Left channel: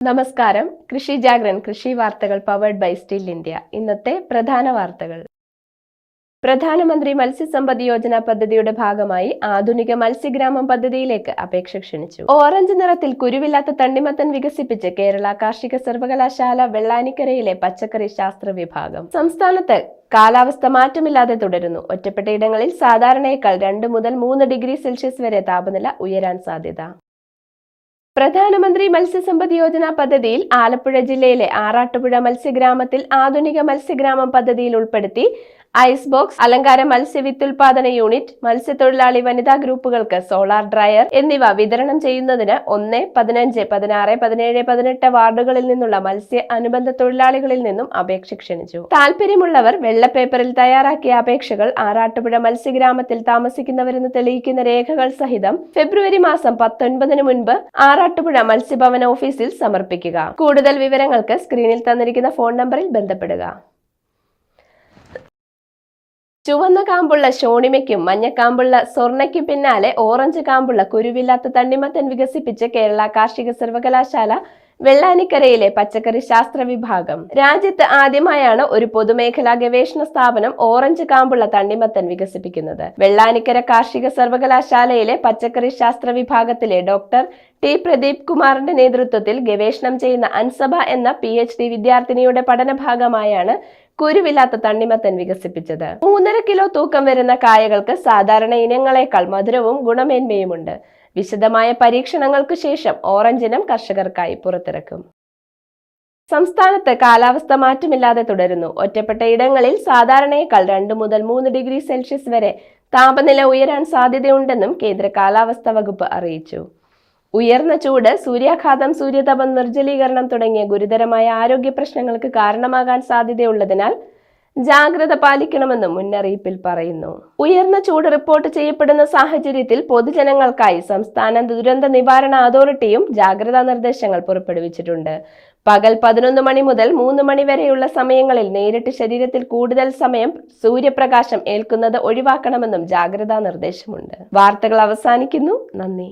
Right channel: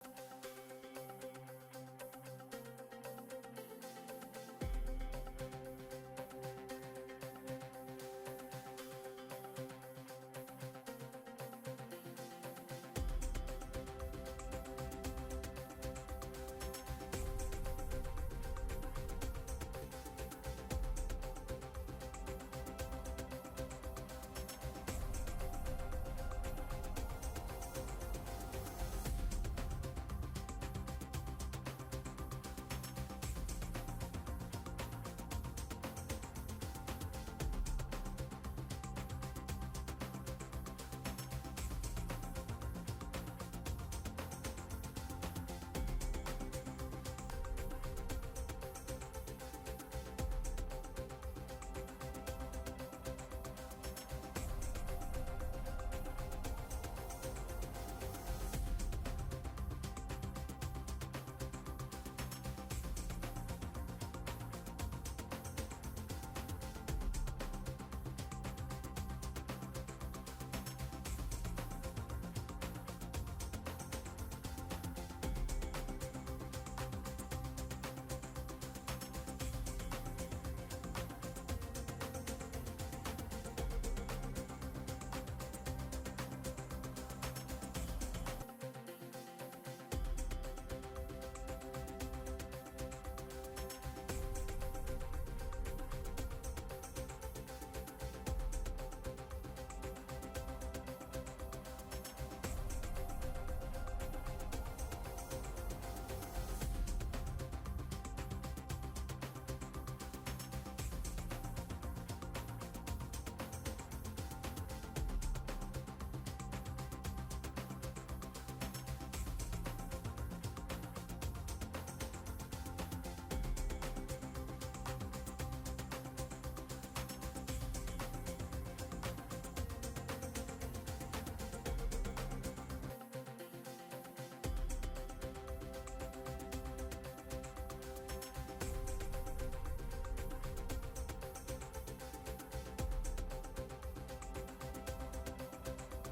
നമസ്കാരം. കൃഷി ജാഗ്രൻ കൃഷി വാർത്തകൾ പവേർഡ് ബൈ സ്റ്റിൽ ഇന്ത്യ ഇന്നത്തെ പ്രധാന വാർത്തകൾ. പ്രധാനമന്ത്രി മത്സ്യസമ്പദ് യോജന പദ്ധതിയുടെ ഭാഗമായി ആധുനിക മത്സ്യഗ്രാമം പദ്ധതിയിലേക്ക് അപേക്ഷ ക്ഷണിച്ചു. ഓറഞ്ച് നിറത്തിൽ കുരുവില്ലാത്ത തണ്ണിമത്തൻ വികസിപ്പിച്ച് കേരള കാർഷിക സർവകലാശാല വെള്ളാനിക്കരയിലെ പച്ചക്കറി ശാസ്ത്ര വിഭാഗം. സംസ്ഥാനത്ത് കാലാവസ്ഥ മാറ്റമില്ലാതെ തുടരുന്നു. ഒറ്റപ്പെട്ട ഇടങ്ങളിൽ സാധാരണയേക്കാൾ രണ്ട് മുതൽ മൂന്ന് ഡിഗ്രി സെൽഷ്യസ് വരെ താപനില ഉയരാൻ സാധ്യത. പ്രധാനമന്ത്രി മത്സ്യസമ്പദ് യോജന പദ്ധതിയിൽ ആലപ്പുഴ ജില്ലയിലെ ആറാട്ടുപുഴ മത്സ്യഗ്രാമത്തിൽ ആധുനിക മത്സ്യഗ്രാമം പദ്ധതിയിൽ ഉൾപ്പെടുത്തി ഐസ് ബോക്സ് അലങ്കാര മത്സ്യ വിത്തുൽപാദന യൂണിറ്റ് മത്സ്യത്തൊഴിലാളി വനിതാ ഗ്രൂപ്പുകൾക്ക് സോളാർ ഡ്രയർ എന്നിവ വിതരണം ചെയ്യുന്നതിന് ഒന്ന് പതിനഞ്ച് പതിനാറ് പതിനേഴ് പതിനെട്ട് വാർഡുകളിൽ നിന്നുള്ള മത്സ്യ അനുബന്ധ തൊഴിലാളികളിൽ നിന്നും അപേക്ഷ ക്ഷണിച്ചു. താല്പര്യമുള്ളവർ വെള്ളപ്പേപ്പറിൽ തയ്യാറാക്കിയ അപേക്ഷകൾ ആറാട്ടുപുഴ മത്സ്യഗ്രാമത്തിൽ താമസിക്കുന്നവരെന്ന് തെളിയിക്കുന്ന രേഖകൾ സഹിതം ഫെബ്രുവരി മാസം പത്തൊൻപതിന് മുൻപ് ആറാട്ടുപുഴ മത്സ്യഭവന ഓഫീസിൽ സമർപ്പിക്കുക. കൂടുതൽ വിവരങ്ങൾക്ക് സ്ക്രീനിൽ തന്നിരിക്കുന്ന ഫോൺ നമ്പറിൽ ബന്ധപ്പെടുക. ചുവന്ന കാമ്പുള്ള ഷോണിമയ്ക്കും മഞ്ഞക്കാമ്പുള്ള സ്വർണയ്ക്കും പിന്നാലെ ഓറഞ്ച് കാമ്പുള്ള കുരുവില്ലാത്ത തണ്ണിമത്തൻ വികസിപ്പിച്ച് കേരള കാർഷിക സർവകലാശാല വെള്ളാനിക്കരയിലെ പച്ചക്കറി ശാസ്ത്ര വിഭാഗം. രാജ്യത്ത് ആദ്യമായാണ് ഒരു പൊതുമേഖലാ ഗവേഷണ സ്ഥാപനം ഓറഞ്ച് കാമ്പുള്ള തണ്ണിമത്തൻ വികസിപ്പിക്കുന്നത്. വെള്ളാനിക്കര കാർഷിക സർവകലാശാലയിലെ പച്ചക്കറി ശാസ്ത്ര വിഭാഗത്തിലെ ഡോക്ടർ ടി. പ്രദീപ് കുമാറിന്റെ നേതൃത്വത്തിൽ ഗവേഷണം ചെയ്യുന്ന അൻസഭ എന്ന പി എച്ച് ഡി വിദ്യാർത്ഥിനിയുടെ പഠന ഭാഗമായാണ് കുരുവില്ലാത്ത തണ്ണിമത്തൻ വികസിപ്പിച്ചത്. മൂന്നര കിലോ തൂക്കം വരുന്ന കായകൾക്ക് സാധാരണ ഇനങ്ങളെക്കാൾ മധുരവും ഗുണമേന്മയുമുണ്ട്. വിശദമായ പരീക്ഷണങ്ങൾക്ക് ശേഷം ഓറഞ്ചിനം കർഷകർക്കായി പുറത്തിറക്കും. സംസ്ഥാനത്ത് കാലാവസ്ഥ മാറ്റമില്ലാതെ തുടരുന്നു. ഒറ്റപ്പെട്ട ഇടങ്ങളിൽ സാധാരണയേക്കാൾ രണ്ട് മുതൽ മൂന്ന് ഡിഗ്രി സെൽഷ്യസ് വരെ താപനില ഉയരാൻ സാധ്യതയുണ്ടെന്നും കേന്ദ്ര കാലാവസ്ഥാ വകുപ്പ് അറിയിച്ചു. ഉയർന്ന ചൂട് സൂര്യാഘാതം സൂര്യതപം നിർജലീകരണം തുടങ്ങിയ ഗുരുതരമായ ആരോഗ്യ പ്രശ്നങ്ങൾക്ക് കാരണമാകാൻ സാധ്യതയുള്ളതിനാൽ ജാഗ്രത പാലിക്കണമെന്നും മുന്നറിയിപ്പിൽ പറയുന്നു. ഉയർന്ന ചൂട് റിപ്പോർട്ട് ചെയ്യപ്പെടുന്ന സാഹചര്യത്തിൽ പൊതുജനങ്ങൾക്കായി സംസ്ഥാന ദുരന്ത നിവാരണ അതോറിറ്റിയും ജാഗ്രതാ നിർദ്ദേശങ്ങൾ പുറപ്പെടുവിച്ചിട്ടുണ്ട്. പകൽ പതിനൊന്ന് മണി മുതൽ മൂന്ന് മണി വരെയുള്ള സമയങ്ങളിൽ നേരിട്ട് ശരീരത്തിൽ കൂടുതൽ സമയം സൂര്യപ്രകാശം ഏൽക്കുന്നത് ഒഴിവാക്കണമെന്നും ജാഗ്രതാ നിർദ്ദേശമുണ്ട്. വാർത്തകൾ അവസാനിക്കുന്നു. നന്ദി.